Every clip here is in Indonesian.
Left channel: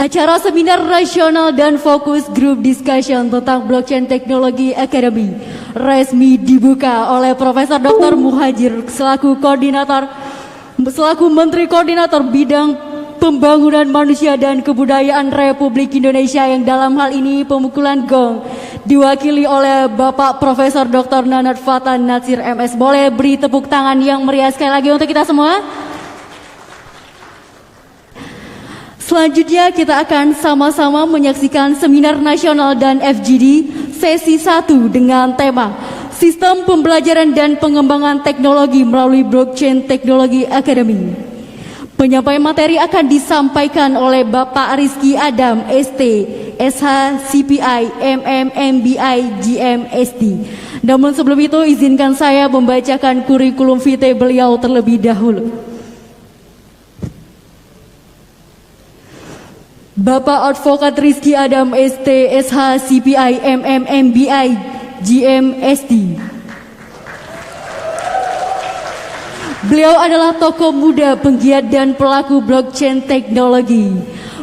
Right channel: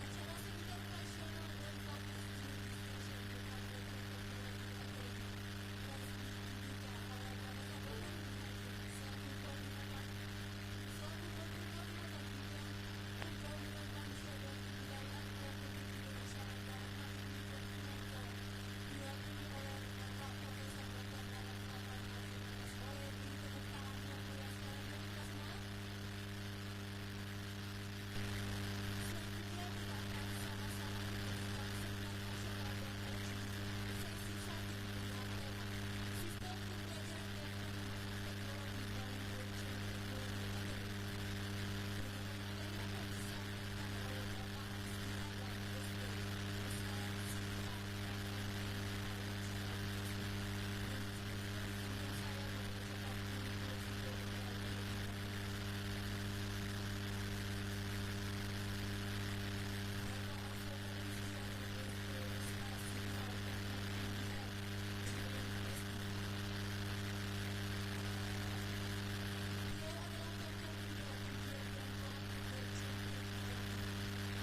Acara seminar nasional dan fokus group discussion tentang blockchain teknologi academy resmi dibuka oleh Profesor Dr. Muhajir selaku Menteri Koordinator Bidang Pembangunan Manusia dan Kebudayaan Republik Indonesia, yang dalam hal ini pemukulan gong diwakili oleh Bapak Profesor Dr. Nanad Fatan Natsir MS. Boleh beri tepuk tangan yang meriah sekali lagi untuk kita semua. Selanjutnya kita akan sama-sama menyaksikan seminar nasional dan FGD sesi 1 dengan tema Sistem Pembelajaran dan Pengembangan Teknologi melalui Blockchain Technology Academy. Penyampaian materi akan disampaikan oleh Bapak Rizky Adam, ST, SH, CPI, MM, MBI, GM, SD. Namun sebelum itu izinkan saya membacakan kurikulum vitae beliau terlebih dahulu. Bapak Advokat Rizky Adam, ST, SH, CPI, MM, MBI, GM, SD. Beliau adalah tokoh muda, penggiat dan pelaku blockchain teknologi.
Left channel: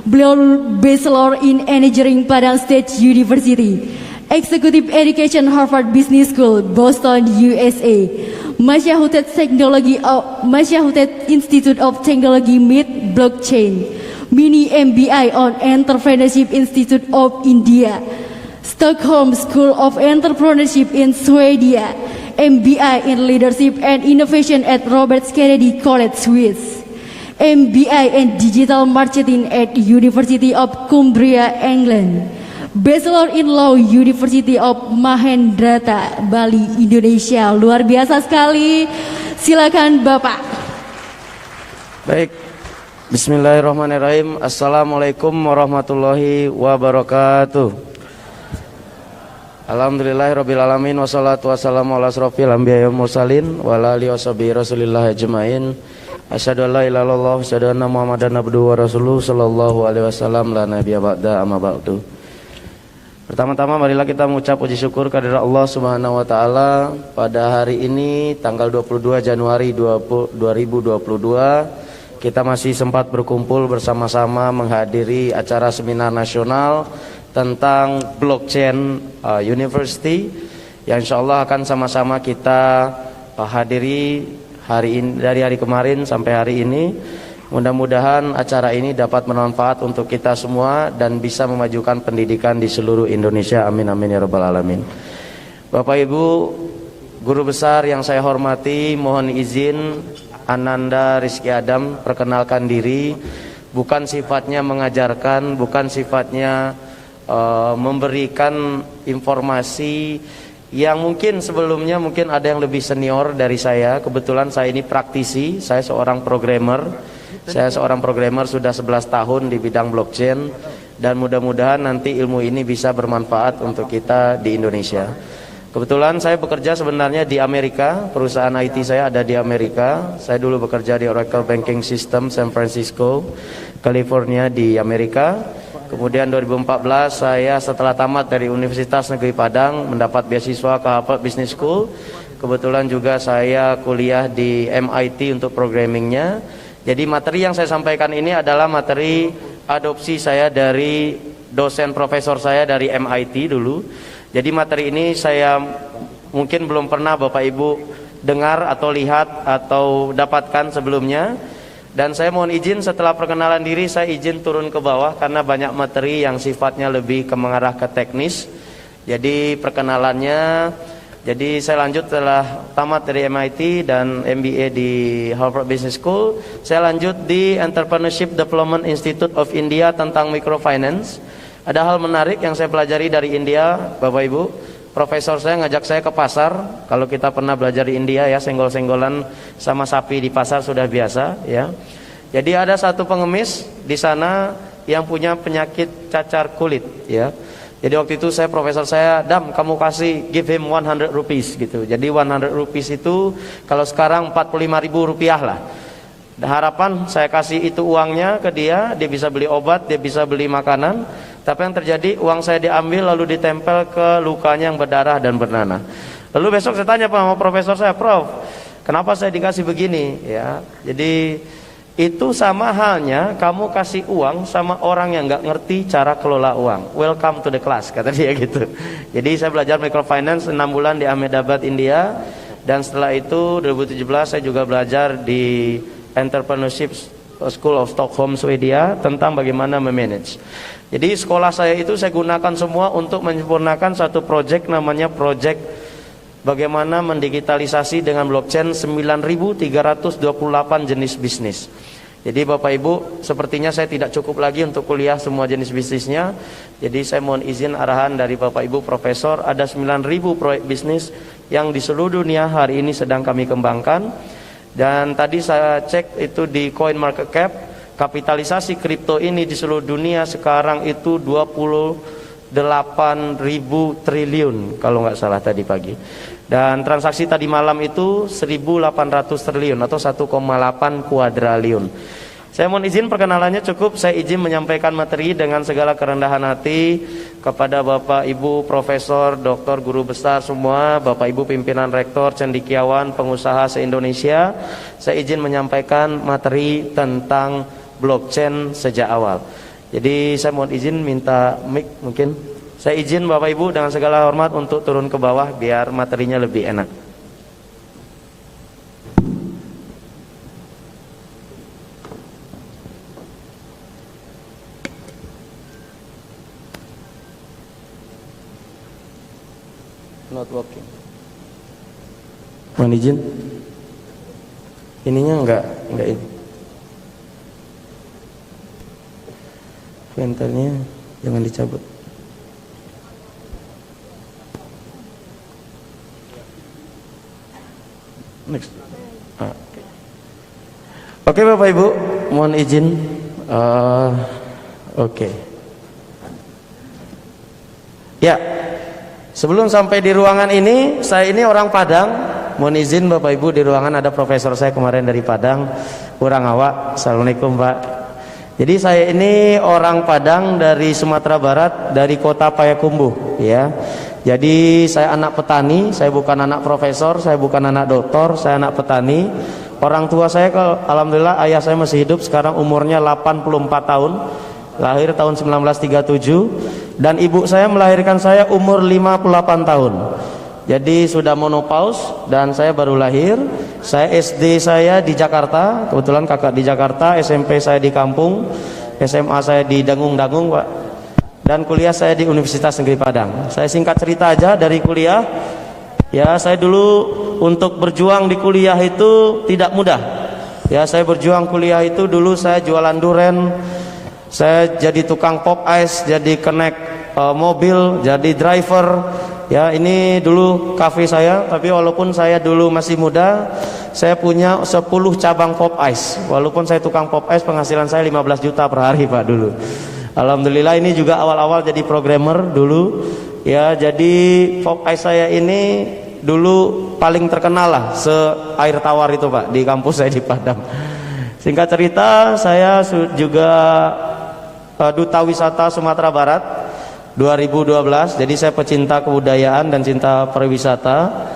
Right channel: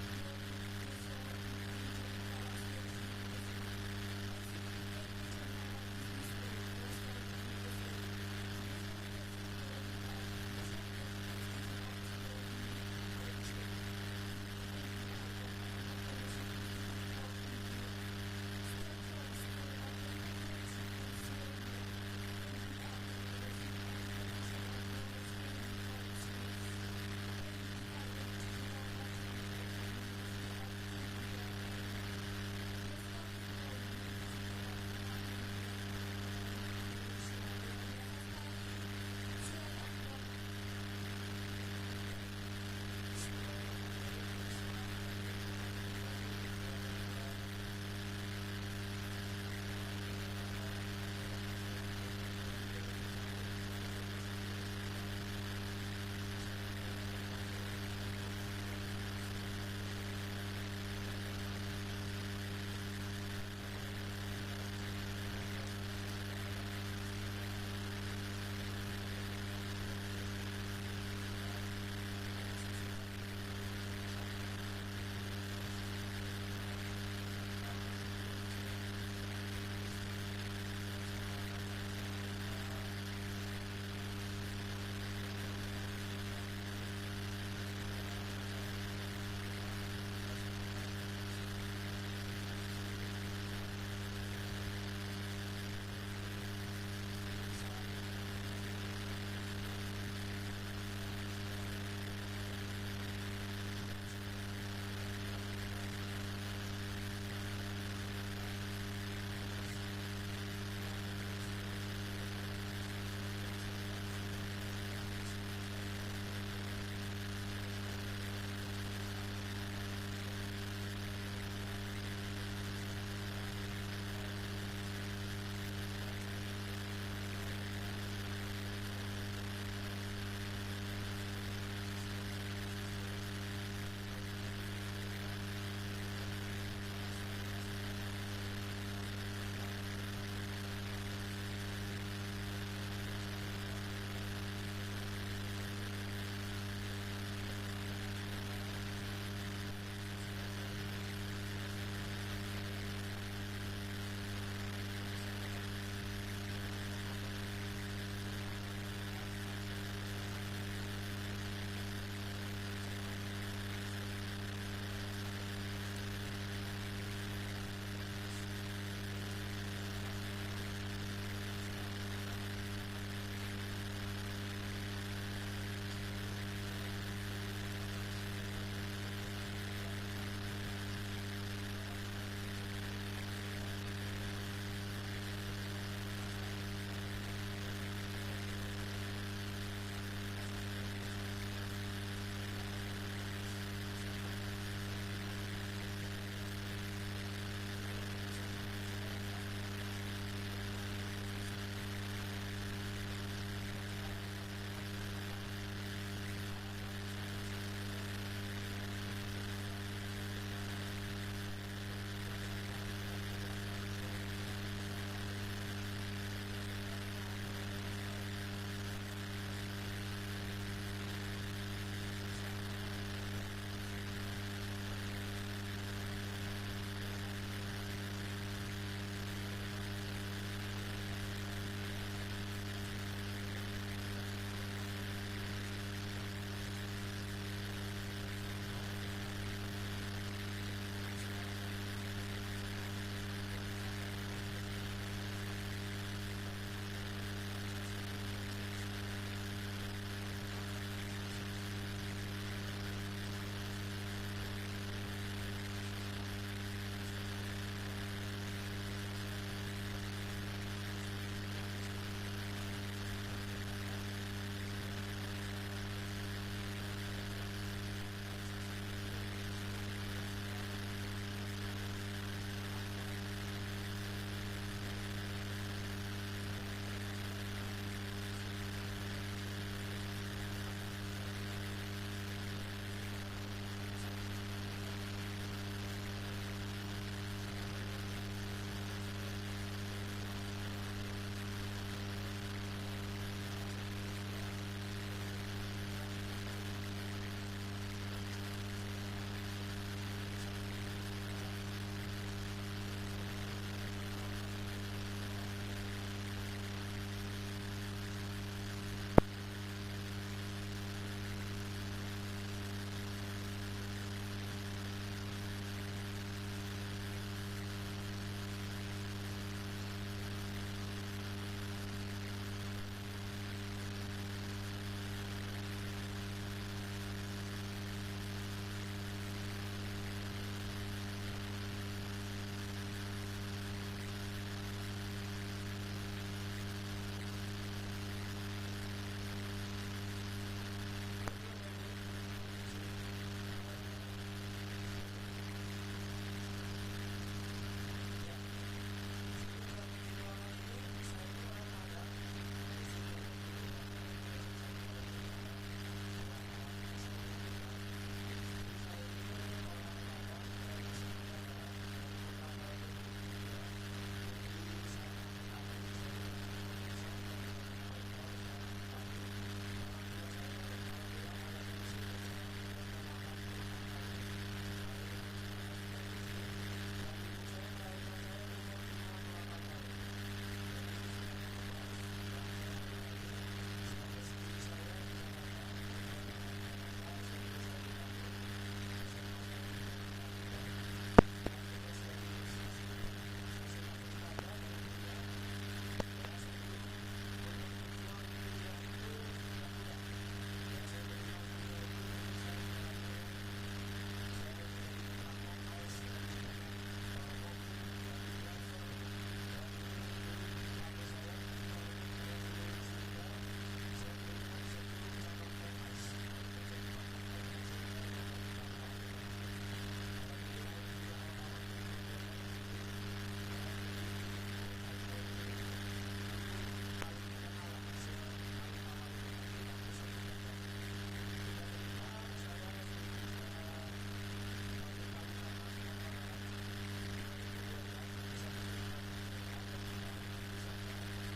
Beliau Bachelor in Engineering Padang State University, Executive Education Harvard Business School, Boston, USA, Massachusetts Institute of Technology MIT Blockchain, Mini MBI on Entrepreneurship Institute of India, Stockholm School of Entrepreneurship in Sweden, MBI in Leadership and Innovation at Robert Kennedy College, Swiss, MBI in Digital Marketing at University of Cumbria, England, Bachelor in Law University of Mahendrata, Bali, Indonesia. Luar biasa sekali. Silakan Bapak. Baik. Bismillahirrahmanirrahim. Assalamualaikum warahmatullahi wabarakatuh. Alhamdulillahirrabbilalamin. Wassalatu wassalamu ala asrofil anbiya wal mursalin wa ala alihi washabihi rasulillah ajmain. Asyhadu an la ilaha illallah wa asyhadu anna muhammadan abduhu wa rasuluhu sallallahu alaihi wasallam la nabiyya ba'da amma ba'du. Pertama-tama marilah kita mengucap puji syukur kehadirat Allah Subhanahu wa taala pada hari ini tanggal 22 Januari 2022 kita masih sempat berkumpul bersama-sama menghadiri acara seminar nasional tentang blockchain university yang insyaallah akan sama-sama kita hadiri hari ini, dari hari kemarin sampai hari ini. Mudah-mudahan acara ini dapat bermanfaat untuk kita semua dan bisa memajukan pendidikan di seluruh Indonesia. Amin amin ya rabbal alamin. Bapak Ibu guru besar yang saya hormati, mohon izin Ananda Rizky Adam perkenalkan diri. Bukan sifatnya mengajarkan, bukan sifatnya memberikan informasi yang mungkin sebelumnya mungkin ada yang lebih senior dari saya. Kebetulan saya ini praktisi, saya seorang programmer. Saya seorang programmer sudah 11 tahun di bidang blockchain dan mudah-mudahan nanti ilmu ini bisa bermanfaat untuk kita di Indonesia. Kebetulan saya bekerja sebenarnya di Amerika, perusahaan IT saya ada di Amerika. Saya dulu bekerja di Oracle Banking System San Francisco, California di Amerika. Kemudian 2014 saya setelah tamat dari Universitas Negeri Padang mendapat beasiswa ke Harvard Business School. Kebetulan juga saya kuliah di MIT untuk programmingnya. Jadi materi yang saya sampaikan ini adalah materi adopsi saya dari dosen profesor saya dari MIT dulu. Jadi materi ini saya mungkin belum pernah Bapak Ibu dengar atau lihat atau dapatkan sebelumnya. Dan saya mohon izin setelah perkenalan diri saya izin turun ke bawah karena banyak materi yang sifatnya lebih mengarah ke teknis. Jadi perkenalannya, jadi saya lanjut setelah tamat dari MIT dan MBA di Harvard Business School. Saya lanjut di Entrepreneurship Development Institute of India tentang microfinance. Ada hal menarik yang saya pelajari dari India, Bapak Ibu. Profesor saya ngajak saya ke pasar. Kalau kita pernah belajar di India ya, senggol-senggolan sama sapi di pasar sudah biasa ya. Jadi ada satu pengemis di sana yang punya penyakit cacar kulit ya. Jadi waktu itu profesor saya, "Dam, kamu give him 100 rupees gitu." Jadi 100 rupees itu kalau sekarang 45.000 rupiah lah. Harapan saya kasih itu uangnya ke dia, dia bisa beli obat, dia bisa beli makanan. Tapi yang terjadi uang saya diambil lalu ditempel ke lukanya yang berdarah dan bernanah. Lalu besok saya tanya sama profesor saya, "Prof, kenapa saya dikasih begini?" Ya, jadi Itu sama halnya kamu kasih uang sama orang yang nggak ngerti cara kelola uang. Welcome to the class, kata dia gitu. Jadi saya belajar microfinance 6 bulan di Ahmedabad, India. Dan setelah itu 2017 saya juga belajar di Entrepreneurship School of Stockholm, Swedia, tentang bagaimana memanage. Jadi sekolah saya itu saya gunakan semua untuk menyempurnakan satu project, namanya project bagaimana mendigitalisasi dengan blockchain 9.328 jenis bisnis. Jadi Bapak Ibu, sepertinya saya tidak cukup lagi untuk kuliah semua jenis bisnisnya. Jadi saya mohon izin arahan dari Bapak Ibu Profesor, ada 9.000 proyek bisnis yang di seluruh dunia hari ini sedang kami kembangkan. Dan tadi saya cek itu di CoinMarketCap, kapitalisasi kripto ini di seluruh dunia sekarang itu 28.000 triliun kalau nggak salah tadi pagi. Dan transaksi tadi malam itu 1.800 triliun atau 1,8 kuadriliun. Saya mohon izin perkenalannya cukup. Saya izin menyampaikan materi dengan segala kerendahan hati kepada Bapak Ibu Profesor, Doktor, Guru Besar semua, Bapak Ibu Pimpinan Rektor, cendekiawan, pengusaha se-Indonesia. Saya izin menyampaikan materi tentang blockchain sejak awal. Jadi saya mohon izin minta mic mungkin. Saya izin Bapak Ibu dengan segala hormat untuk turun ke bawah biar materinya lebih enak. Not working. Mohon izin. Ininya enggak ini. Ventilnya jangan dicabut. Next. Oke Bapak Ibu, mohon izin. Oke. Ya, sebelum sampai di ruangan ini, saya ini orang Padang. Mohon izin Bapak Ibu, di ruangan ada profesor saya kemarin dari Padang, kurang awak. Assalamualaikum Pak. Jadi saya ini orang Padang dari Sumatera Barat, dari kota Payakumbuh, ya. Jadi saya anak petani, saya bukan anak profesor, saya bukan anak doktor, saya anak petani. Orang tua saya, alhamdulillah ayah saya masih hidup, sekarang umurnya 84 tahun, lahir tahun 1937. Dan ibu saya melahirkan saya umur 58 tahun. Jadi sudah menopause dan saya baru lahir. Saya SD saya di Jakarta, kebetulan kakak di Jakarta, SMP saya di kampung, SMA saya di Dangung-Dangung Pak. Dan kuliah saya di Universitas Negeri Padang. Saya singkat cerita aja dari kuliah. Ya, saya dulu untuk berjuang di kuliah itu tidak mudah. Ya, saya berjuang kuliah itu dulu saya jualan duren. Saya jadi tukang pop ice, jadi connect mobil, jadi driver. Ya, ini dulu kafe saya, tapi walaupun saya dulu masih muda, saya punya 10 cabang pop ice. Walaupun saya tukang pop ice, penghasilan saya 15 juta per hari Pak dulu. Alhamdulillah ini juga awal-awal jadi programmer dulu. Ya, jadi pop ice saya ini dulu paling terkenal lah se-air tawar itu Pak di kampus saya di Padang. Singkat cerita, saya juga Duta Wisata Sumatera Barat 2012. Jadi saya pecinta kebudayaan dan cinta pariwisata.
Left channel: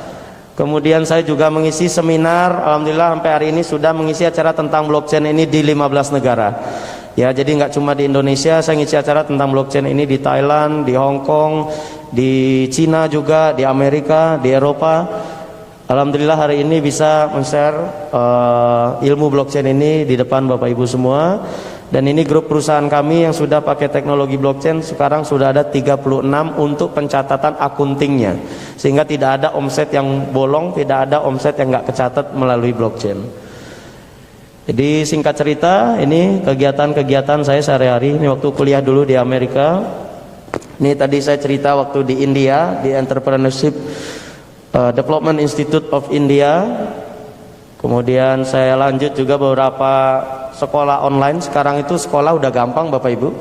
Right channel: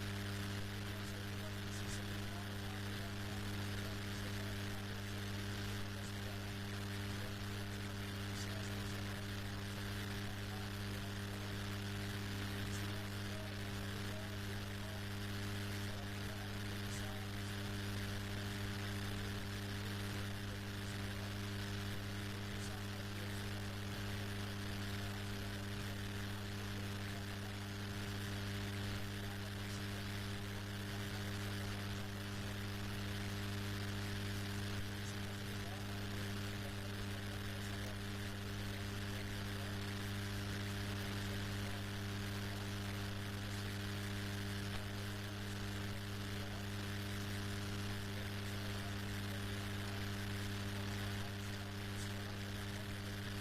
Kemudian saya juga mengisi seminar, alhamdulillah sampai hari ini sudah mengisi acara tentang blockchain ini di 15 negara. Ya, jadi nggak cuma di Indonesia, saya ngisi acara tentang blockchain ini di Thailand, di Hong Kong, di Cina juga, di Amerika, di Eropa. Alhamdulillah hari ini bisa men-share ilmu blockchain ini di depan Bapak Ibu semua. Dan ini grup perusahaan kami yang sudah pakai teknologi blockchain sekarang sudah ada 36 untuk pencatatan akuntingnya. Sehingga tidak ada omset yang bolong, tidak ada omset yang nggak kecatat melalui blockchain. Jadi singkat cerita, ini kegiatan-kegiatan saya sehari-hari. Ini waktu kuliah dulu di Amerika. Ini tadi saya cerita waktu di India, di Entrepreneurship Development Institute of India. Kemudian saya lanjut juga beberapa sekolah online. Sekarang itu sekolah udah gampang Bapak Ibu.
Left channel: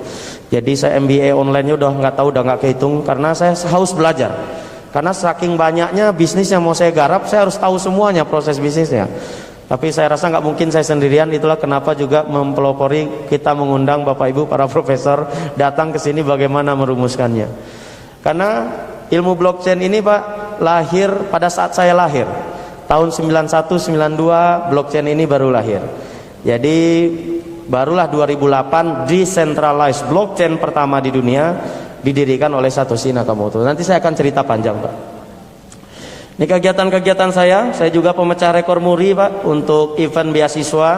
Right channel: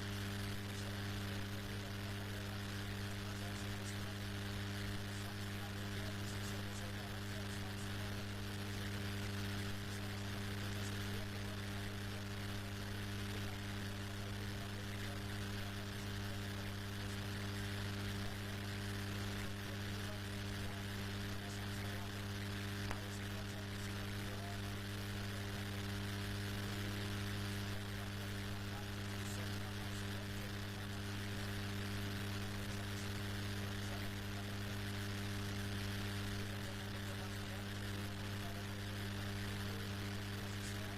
Jadi saya MBA online-nya udah nggak kehitung karena saya haus belajar. Karena saking banyaknya bisnis yang mau saya garap, saya harus tahu semuanya proses bisnisnya. Tapi saya rasa nggak mungkin saya sendirian, itulah kenapa juga mempelopori kita mengundang Bapak Ibu para profesor datang ke sini bagaimana merumuskannya. Karena ilmu blockchain ini Pak lahir pada saat saya lahir. Tahun 91-92 blockchain ini baru lahir. Jadi barulah 2008 decentralized blockchain pertama di dunia didirikan oleh Satoshi Nakamoto. Nanti saya akan cerita panjang, Pak. Ini kegiatan-kegiatan saya juga pemecah rekor muri, Pak, untuk event beasiswa.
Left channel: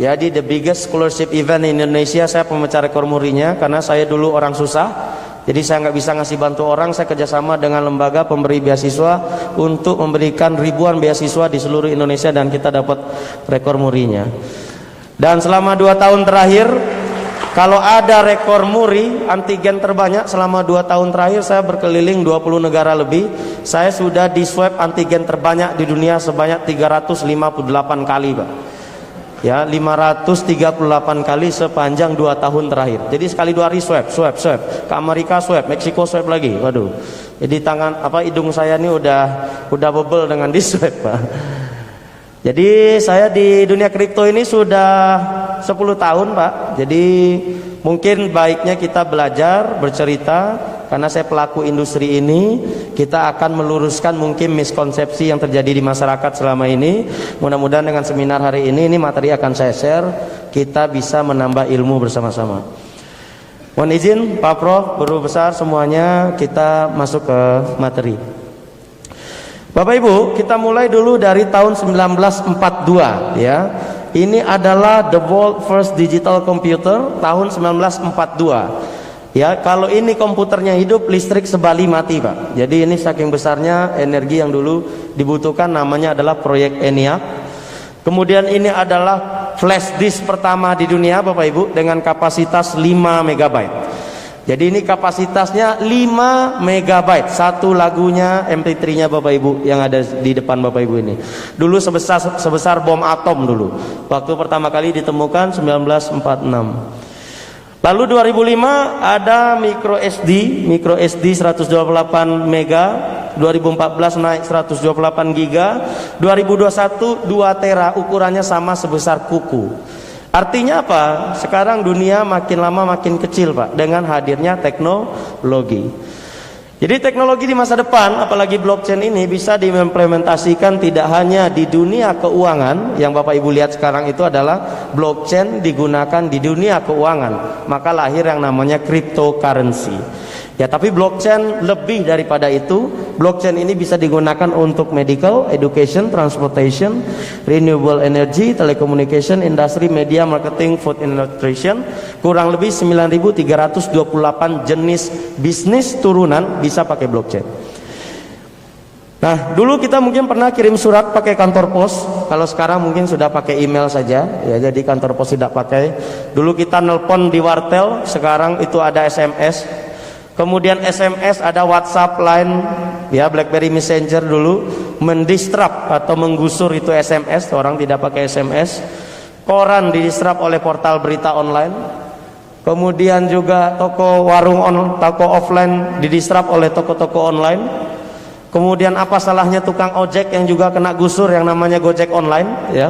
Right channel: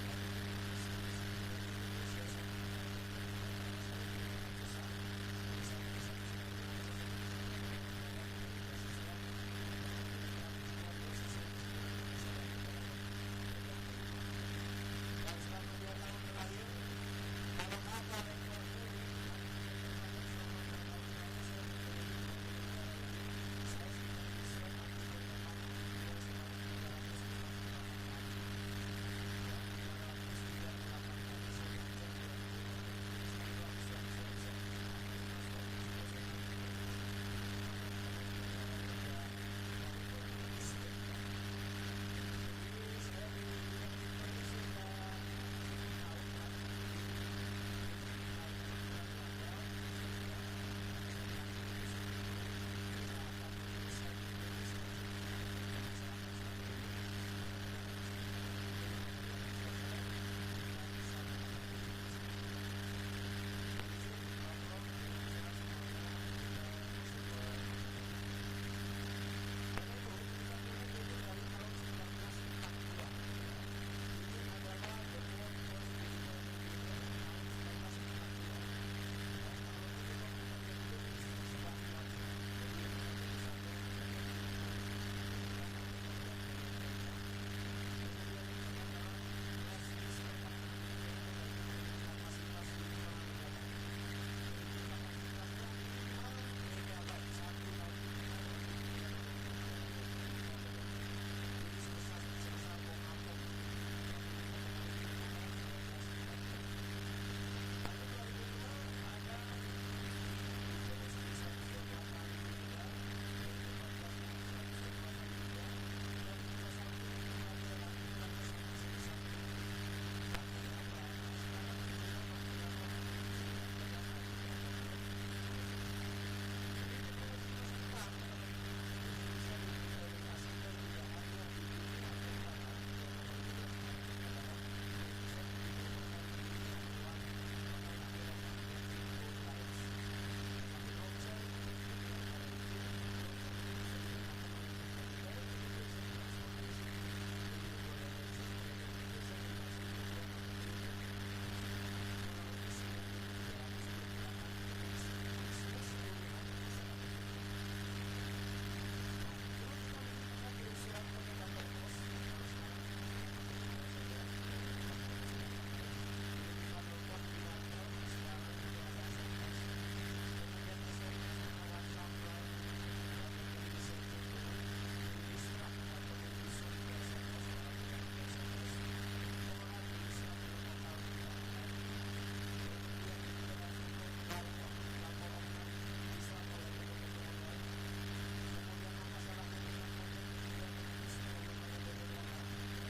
Jadi the biggest scholarship event in Indonesia, saya pemecah rekor murinya karena saya dulu orang susah. Jadi saya nggak bisa ngasih bantu orang, saya kerjasama dengan lembaga pemberi beasiswa untuk memberikan ribuan beasiswa di seluruh Indonesia dan kita dapat rekor murinya. Dan selama 2 tahun terakhir, kalau ada rekor muri antigen terbanyak selama 2 tahun terakhir, saya berkeliling 20 negara lebih. Saya sudah di swab antigen terbanyak di dunia sebanyak 358 kali, Pak. Ya, 538 kali sepanjang 2 tahun terakhir. Jadi sekali 2 hari swab. Ke Amerika swab, Meksiko swab lagi. Waduh. Jadi hidung saya ini udah bebel dengan di swab, Pak. Jadi saya di dunia kripto ini sudah 10 tahun, Pak. Jadi mungkin baiknya kita belajar, bercerita, karena saya pelaku industri ini. Kita akan meluruskan mungkin miskonsepsi yang terjadi di masyarakat selama ini. Mudah-mudahan dengan seminar hari ini materi akan saya share, kita bisa menambah ilmu bersama-sama. Mohon izin Pak Prof, Guru Besar semuanya, kita masuk ke materi. Bapak Ibu, kita mulai dulu dari tahun 1942 ya. Ini adalah the world first digital computer tahun 1942. Ya, kalau ini komputernya hidup, listrik sebali mati, Pak. Jadi ini saking besarnya energi yang dulu dibutuhkan, namanya adalah proyek ENIAC. Kemudian ini adalah flash disk pertama di dunia, Bapak Ibu, dengan kapasitas 5 MB. Jadi ini kapasitasnya 5 MB, satu lagunya MP3-nya Bapak Ibu yang ada di depan Bapak Ibu ini. Dulu sebesar bom atom dulu. Waktu pertama kali ditemukan 1946. Lalu 2005 ada micro SD 128 MB, 2014 naik 128 GB, 2021 2 tera, ukurannya sama sebesar kuku. Artinya apa? Sekarang dunia makin lama makin kecil, Pak, dengan hadirnya teknologi. Jadi teknologi di masa depan, apalagi blockchain ini, bisa diimplementasikan tidak hanya di dunia keuangan. Yang Bapak Ibu lihat sekarang itu adalah blockchain digunakan di dunia keuangan. Maka lahir yang namanya cryptocurrency. Ya, tapi blockchain lebih daripada itu. Blockchain ini bisa digunakan untuk medical, education, transportation, renewable energy, telecommunication, industri, media, marketing, food and nutrition. Kurang lebih 9.328 jenis bisnis turunan bisa pakai blockchain. Nah, dulu kita mungkin pernah kirim surat pakai kantor pos. Kalau sekarang mungkin sudah pakai email saja. Ya, jadi kantor pos tidak pakai. Dulu kita nelpon di wartel, sekarang itu ada SMS. Kemudian SMS, ada WhatsApp, Line, ya, BlackBerry Messenger dulu mendisrupt atau menggusur itu SMS, orang tidak pakai SMS. Koran didisrupt oleh portal berita online. Kemudian juga toko offline didisrupt oleh toko-toko online. Kemudian apa salahnya tukang ojek yang juga kena gusur yang namanya Gojek online, ya.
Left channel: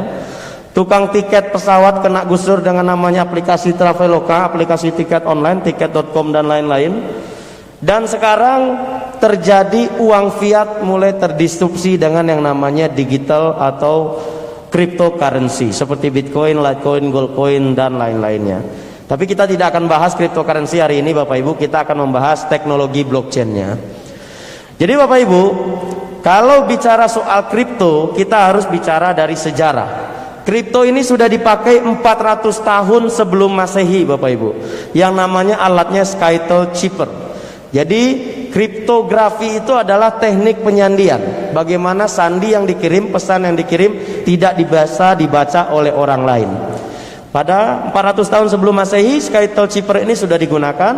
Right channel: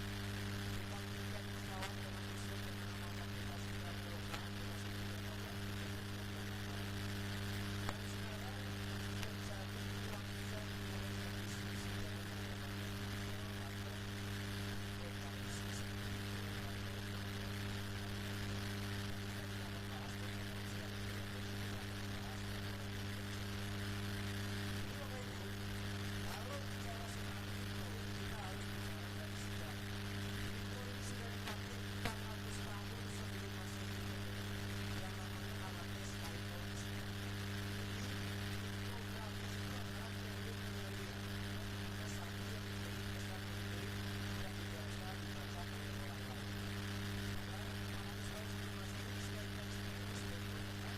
Tukang tiket pesawat kena gusur dengan namanya aplikasi Traveloka, aplikasi tiket online, tiket.com dan lain-lain. Dan sekarang terjadi uang fiat mulai terdisrupsi dengan yang namanya digital atau cryptocurrency seperti Bitcoin, Litecoin, Goldcoin dan lain-lainnya. Tapi kita tidak akan bahas cryptocurrency hari ini, Bapak Ibu. Kita akan membahas teknologi blockchain-nya. Jadi Bapak Ibu, kalau bicara soal kripto, kita harus bicara dari sejarah. Kripto ini sudah dipakai 400 tahun sebelum Masehi, Bapak Ibu. Yang namanya alatnya Skytel Chipper. Jadi kriptografi itu adalah teknik penyandian. Bagaimana sandi yang dikirim, pesan yang dikirim tidak dibaca oleh orang lain. Pada 400 tahun sebelum Masehi, Skytel Chipper ini sudah digunakan.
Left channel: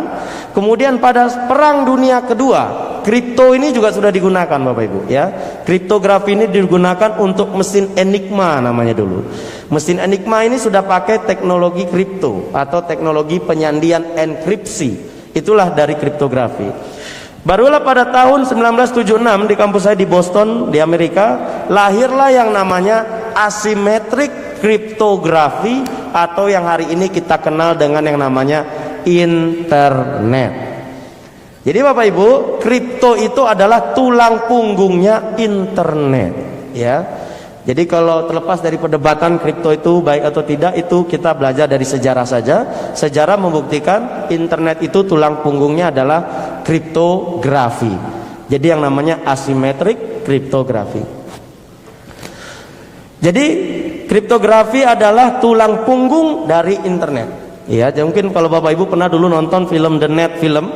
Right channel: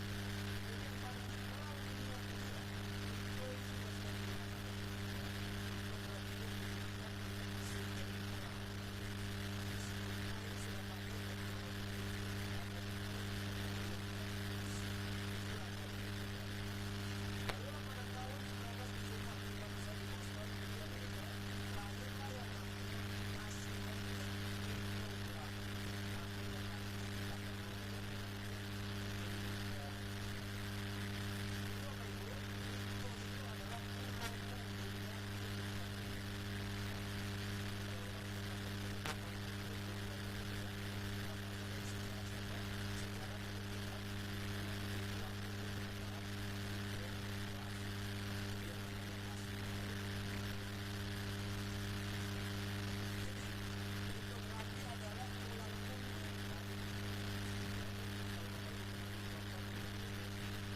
Kemudian pada Perang Dunia Kedua, kripto ini juga sudah digunakan, Bapak Ibu, ya. Kriptografi ini digunakan untuk mesin Enigma namanya dulu. Mesin Enigma ini sudah pakai teknologi kripto atau teknologi penyandian enkripsi. Itulah dari kriptografi. Barulah pada tahun 1976 di kampus saya di Boston, di Amerika, lahirlah yang namanya asymmetric kriptografi atau yang hari ini kita kenal dengan yang namanya internet. Jadi Bapak Ibu, kripto itu adalah tulang punggungnya internet, ya. Jadi kalau terlepas dari perdebatan kripto itu baik atau tidak, itu kita belajar dari sejarah saja. Sejarah membuktikan internet itu tulang punggungnya adalah kriptografi. Jadi yang namanya asymmetric kriptografi. Jadi kriptografi adalah tulang punggung dari internet. Ya, mungkin kalau Bapak Ibu pernah dulu nonton film The Net film,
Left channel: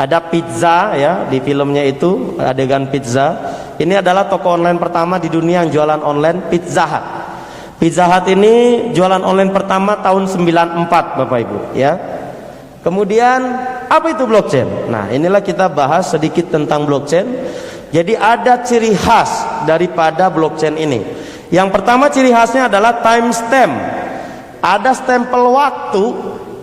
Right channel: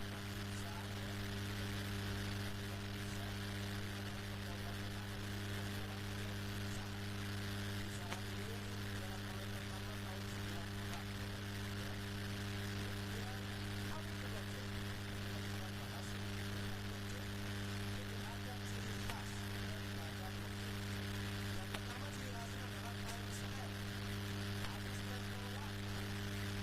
ada pizza ya di filmnya itu, adegan pizza. Ini adalah toko online pertama di dunia yang jualan online, Pizza Hut. Pizza Hut ini jualan online pertama tahun 94 Bapak Ibu ya. Kemudian apa itu blockchain? Nah, inilah kita bahas sedikit tentang blockchain. Jadi ada ciri khas daripada blockchain ini. Yang pertama ciri khasnya adalah timestamp. Ada stempel waktu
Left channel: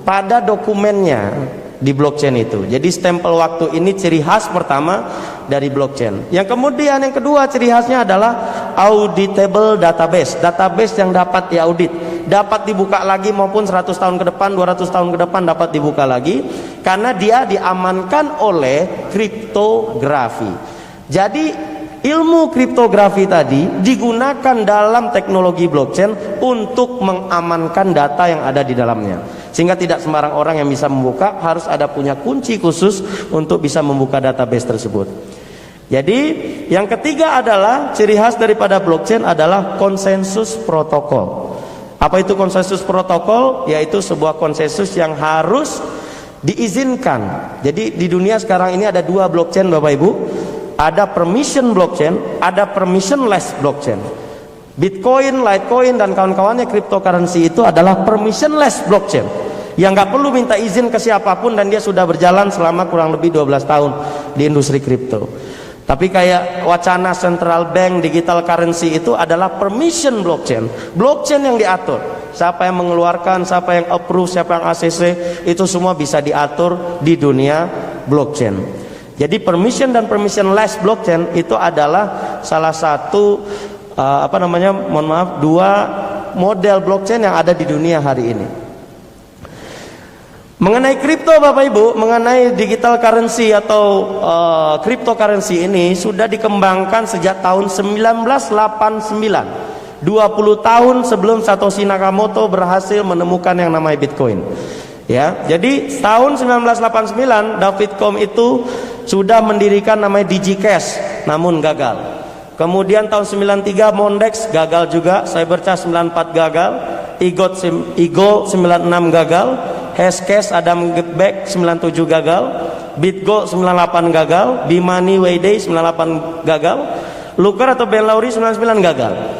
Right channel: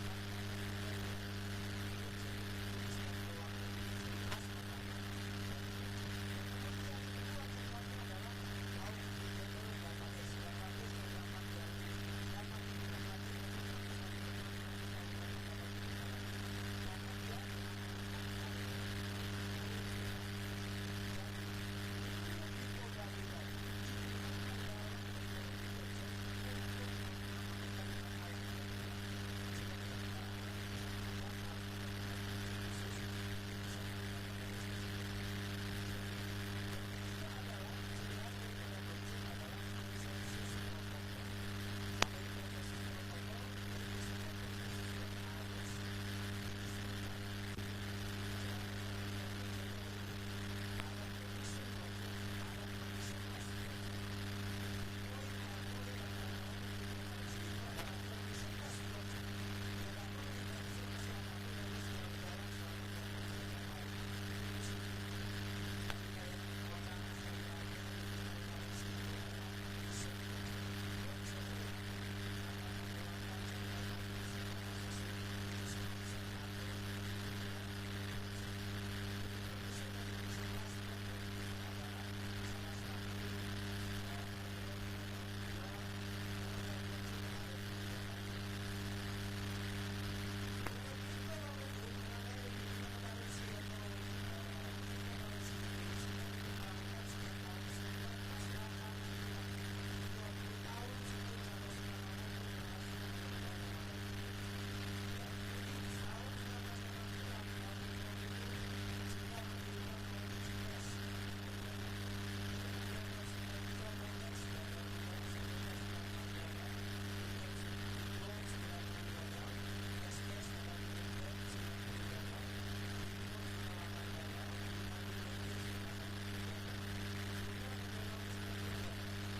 pada dokumennya di blockchain itu. Jadi stempel waktu ini ciri khas pertama dari blockchain. Yang kemudian yang kedua ciri khasnya adalah auditable database. Database yang dapat diaudit, dapat dibuka lagi maupun 100 tahun ke depan, 200 tahun ke depan dapat dibuka lagi karena dia diamankan oleh kriptografi. Jadi ilmu kriptografi tadi digunakan dalam teknologi blockchain untuk mengamankan data yang ada di dalamnya. Sehingga tidak sembarang orang yang bisa membuka, harus ada punya kunci khusus untuk bisa membuka database tersebut. Jadi yang ketiga adalah ciri khas daripada blockchain adalah konsensus protokol. Apa itu konsensus protokol? Yaitu sebuah konsensus yang harus diizinkan. Jadi di dunia sekarang ini ada dua blockchain Bapak Ibu. Ada permission blockchain, ada permissionless blockchain. Bitcoin, Litecoin dan kawan-kawannya cryptocurrency itu adalah permissionless blockchain yang nggak perlu minta izin ke siapapun dan dia sudah berjalan selama kurang lebih 12 tahun di industri kripto. Tapi kayak wacana central bank digital currency itu adalah permission blockchain, blockchain yang diatur. Siapa yang mengeluarkan, siapa yang approve, siapa yang ACC, itu semua bisa diatur di dunia blockchain. Jadi permission dan permissionless blockchain itu adalah salah satu dua model blockchain yang ada di dunia hari ini. Mengenai kripto Bapak Ibu, mengenai digital currency atau cryptocurrency ini sudah dikembangkan sejak tahun 1989. 20 tahun sebelum Satoshi Nakamoto berhasil menemukan yang namanya Bitcoin. Ya, jadi tahun 1989 David Com itu sudah mendirikan namanya DigiCash, namun gagal. Kemudian tahun 93 Mondex gagal juga, Cybercash 94 gagal, Igo 96 gagal, Hashcash Adam Gebek 97 gagal, BitGo 98 gagal, Bimani Wayday 98 gagal, Looker atau Ben Lowry 99 gagal.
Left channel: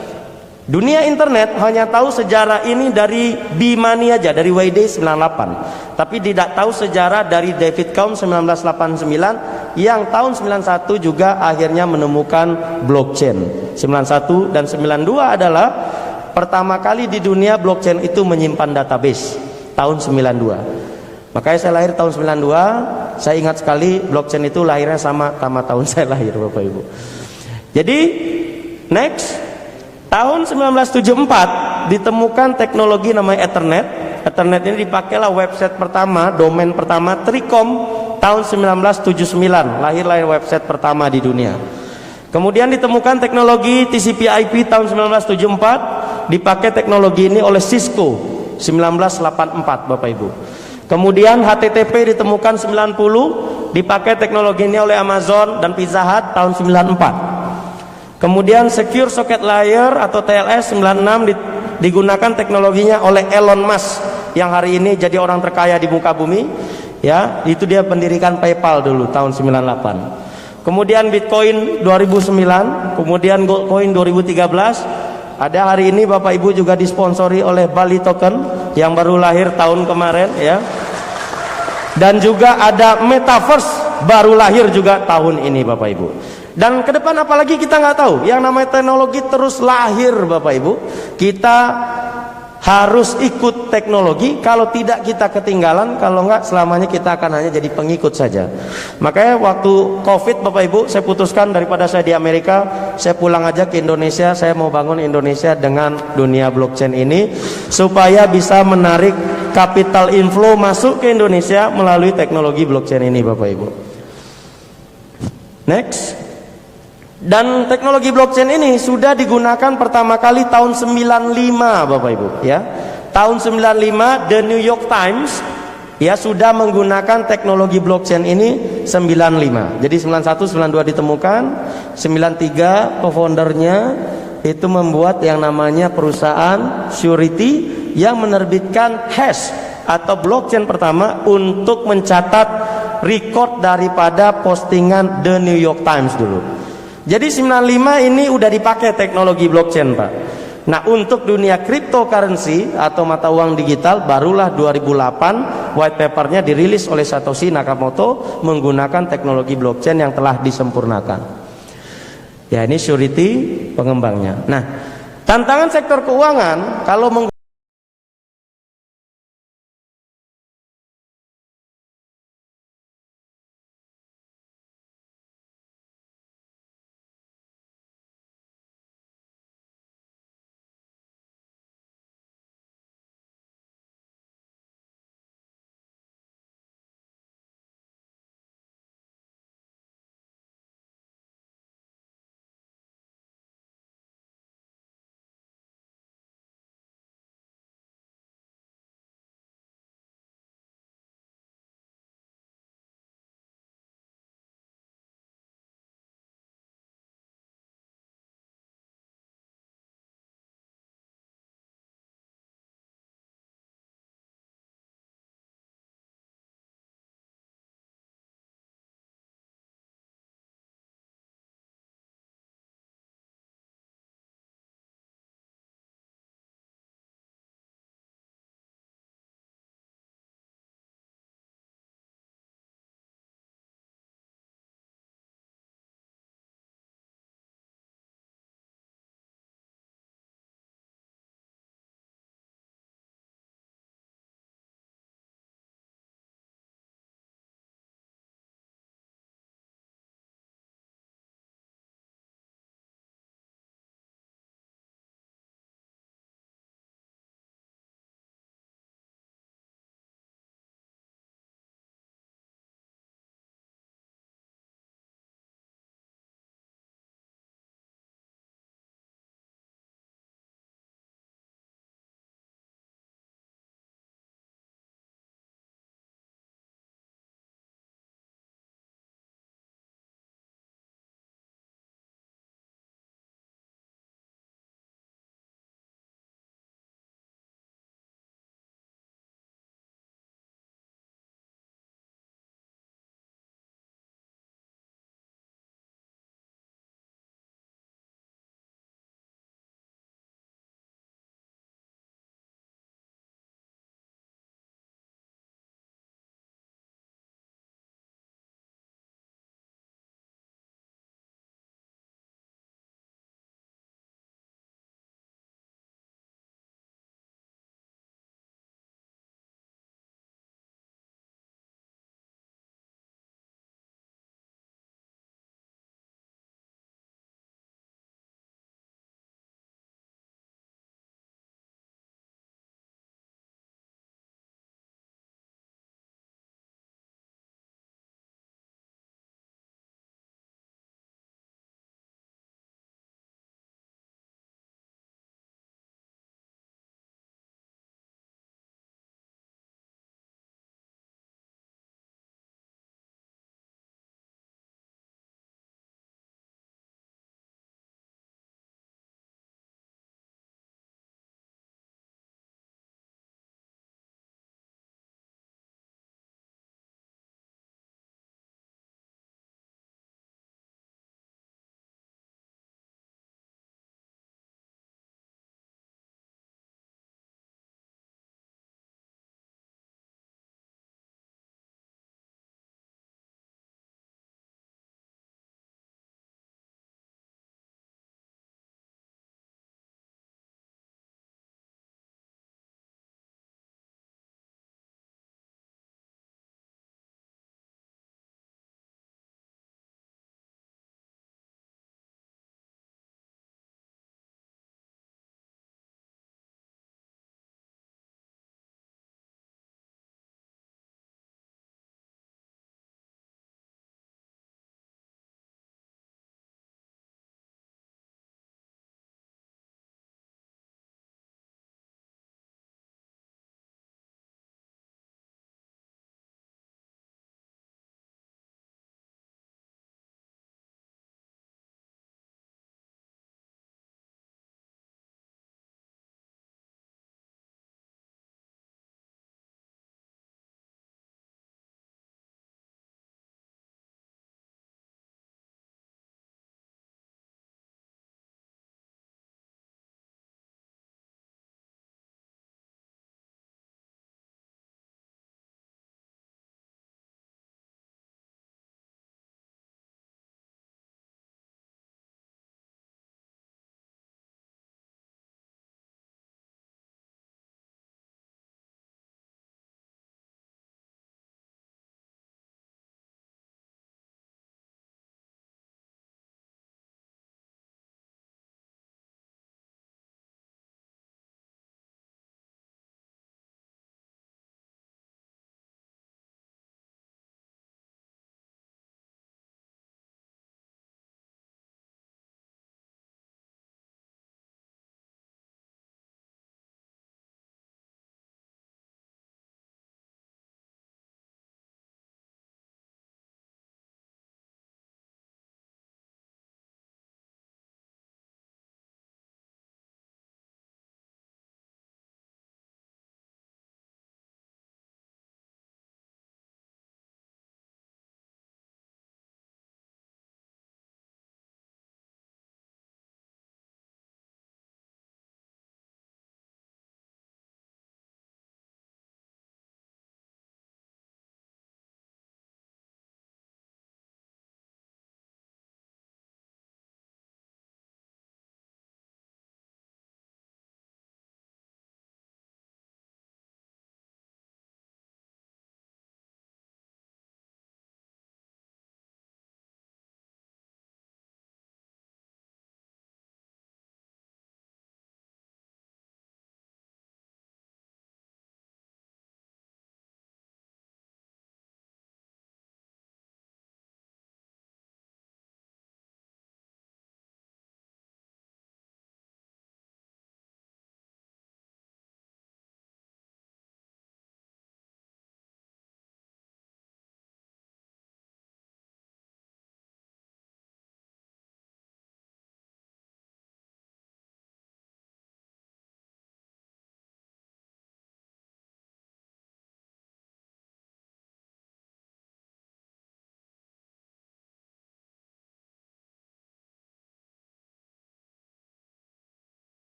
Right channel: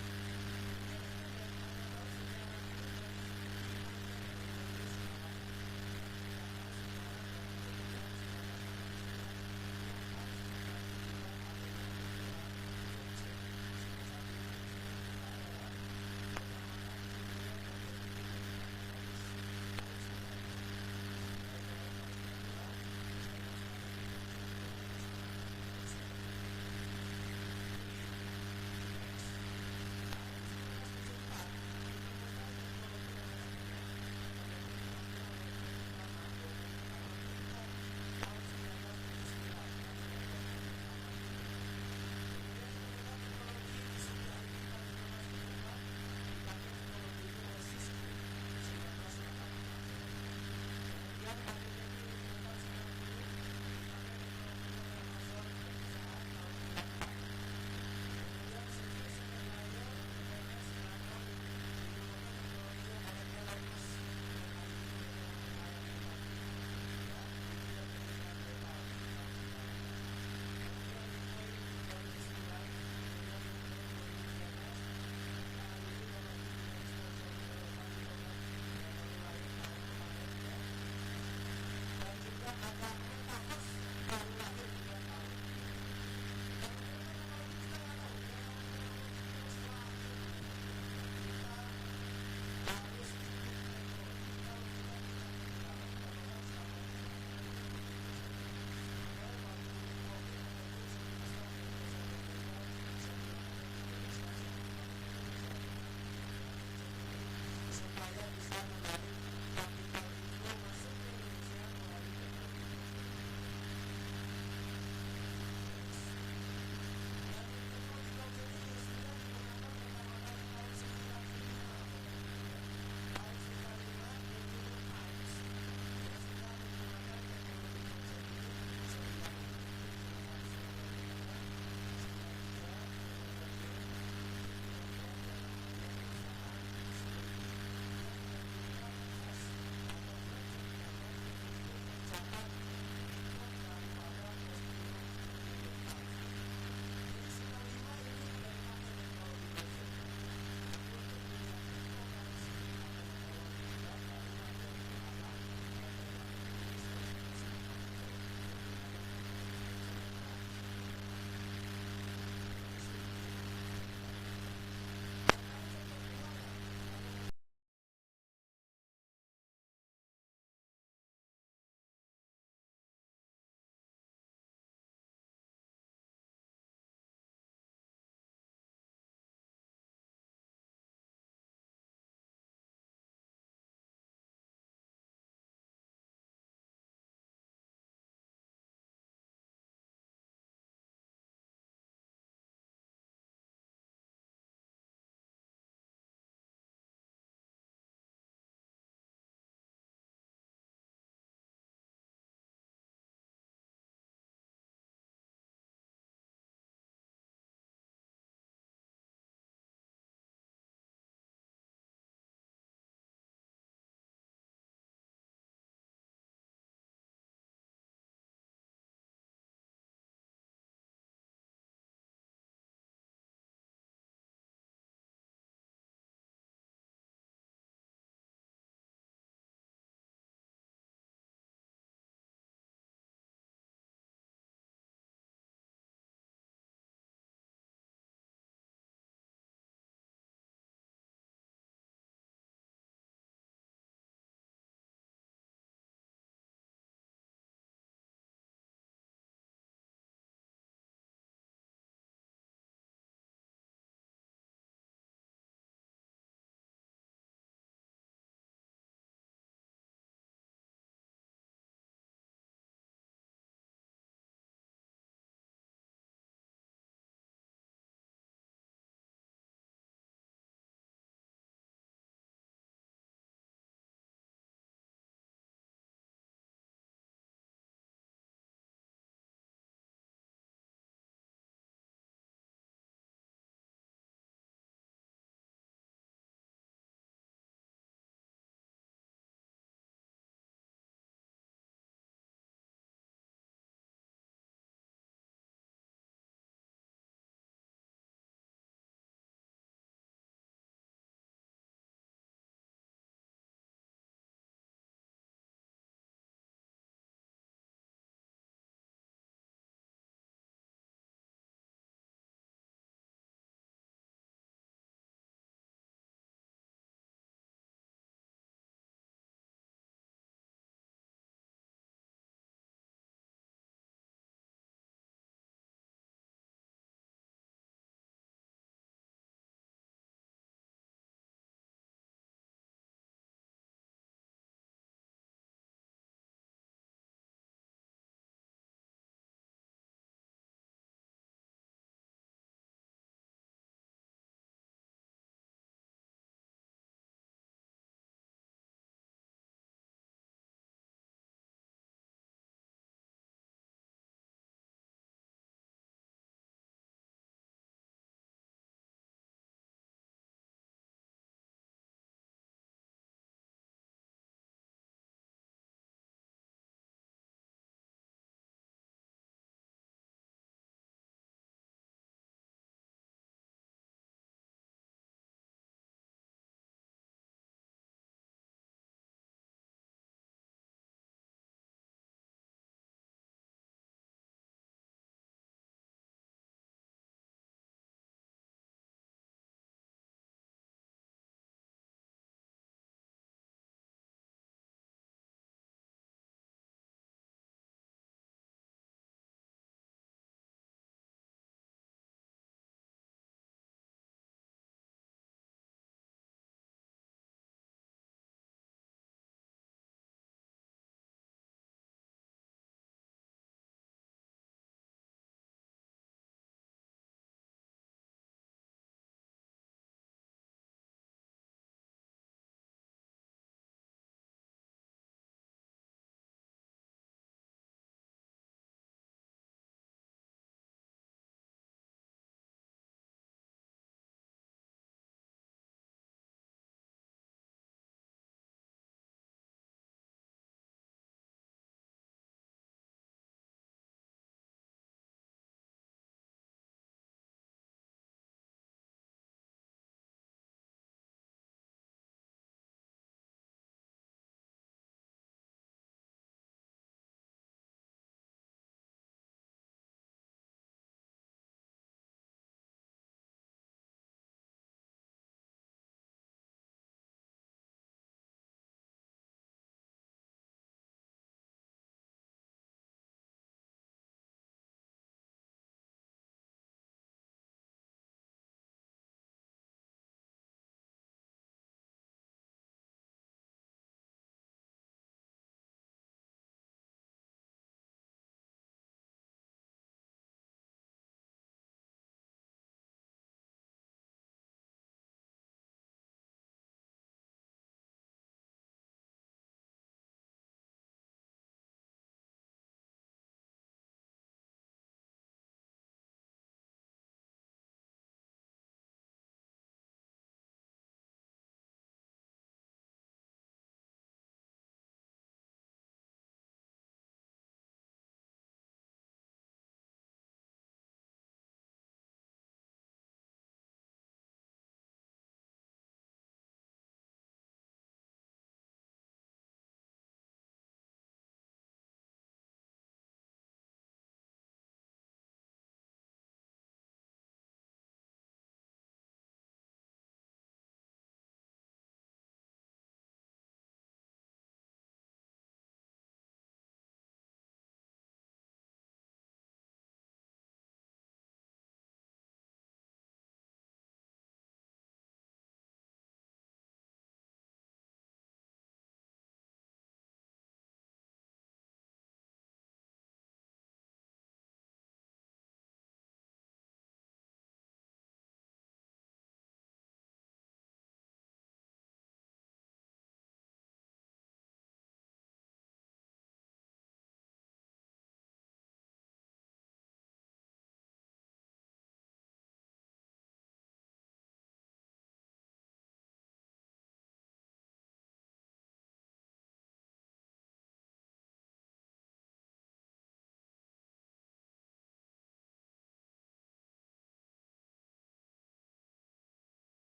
Dunia internet hanya tahu sejarah ini dari Bimani aja, dari Wayday 98. Tapi tidak tahu sejarah dari David Com 1989 yang tahun 91 juga akhirnya menemukan blockchain. 91 dan 92 adalah pertama kali di dunia blockchain itu menyimpan database tahun 92. Makanya saya lahir tahun 92. Saya ingat sekali blockchain itu lahirnya sama tahun saya lahir Bapak Ibu. Jadi next tahun 1974 ditemukan teknologi namanya Ethernet. Ethernet ini dipakailah website pertama, domain pertama Tricom tahun 1979. Lahirlah website pertama di dunia. Kemudian ditemukan teknologi TCP/IP tahun 1974. Dipakai teknologi ini oleh Cisco 1984 Bapak Ibu. Kemudian HTTP ditemukan 90, dipakai teknologi ini oleh Amazon dan Pizza Hut tahun 94. Kemudian Secure Socket Layer atau TLS 96 digunakan teknologinya oleh Elon Musk yang hari ini jadi orang terkaya di muka bumi. Ya, itu dia mendirikan PayPal dulu tahun 98. Kemudian Bitcoin 2009, kemudian Goldcoin 2013. Ada hari ini Bapak Ibu juga disponsori oleh Bali Token yang baru lahir tahun kemarin ya. Dan juga ada Metaverse baru lahir juga tahun ini Bapak Ibu. Dan ke depan apalagi kita nggak tahu. Yang namanya teknologi terus lahir Bapak Ibu. Kita harus ikut teknologi. Kalau tidak kita ketinggalan. Kalau nggak selamanya kita akan hanya jadi pengikut saja. Makanya waktu COVID Bapak Ibu, saya putuskan daripada saya di Amerika, saya pulang aja ke Indonesia. Saya mau bangun Indonesia dengan dunia blockchain ini supaya bisa menarik capital inflow masuk ke Indonesia melalui teknologi blockchain ini Bapak Ibu. Next. Dan teknologi blockchain ini sudah digunakan pertama kali tahun 95 Bapak Ibu ya. Tahun 95 The New York Times ya sudah menggunakan teknologi blockchain ini 95. Jadi 91 92 ditemukan, 93 co-foundernya itu membuat yang namanya perusahaan Surety yang menerbitkan hash atau blockchain pertama untuk mencatat record daripada postingan The New York Times dulu. Jadi 95 ini udah dipakai teknologi blockchain, Pak. Nah, untuk dunia cryptocurrency atau mata uang digital barulah 2008 white papernya dirilis oleh Satoshi Nakamoto menggunakan teknologi blockchain yang telah disempurnakan. Ya, ini Surety pengembangnya. Nah, tantangan sektor keuangan kalau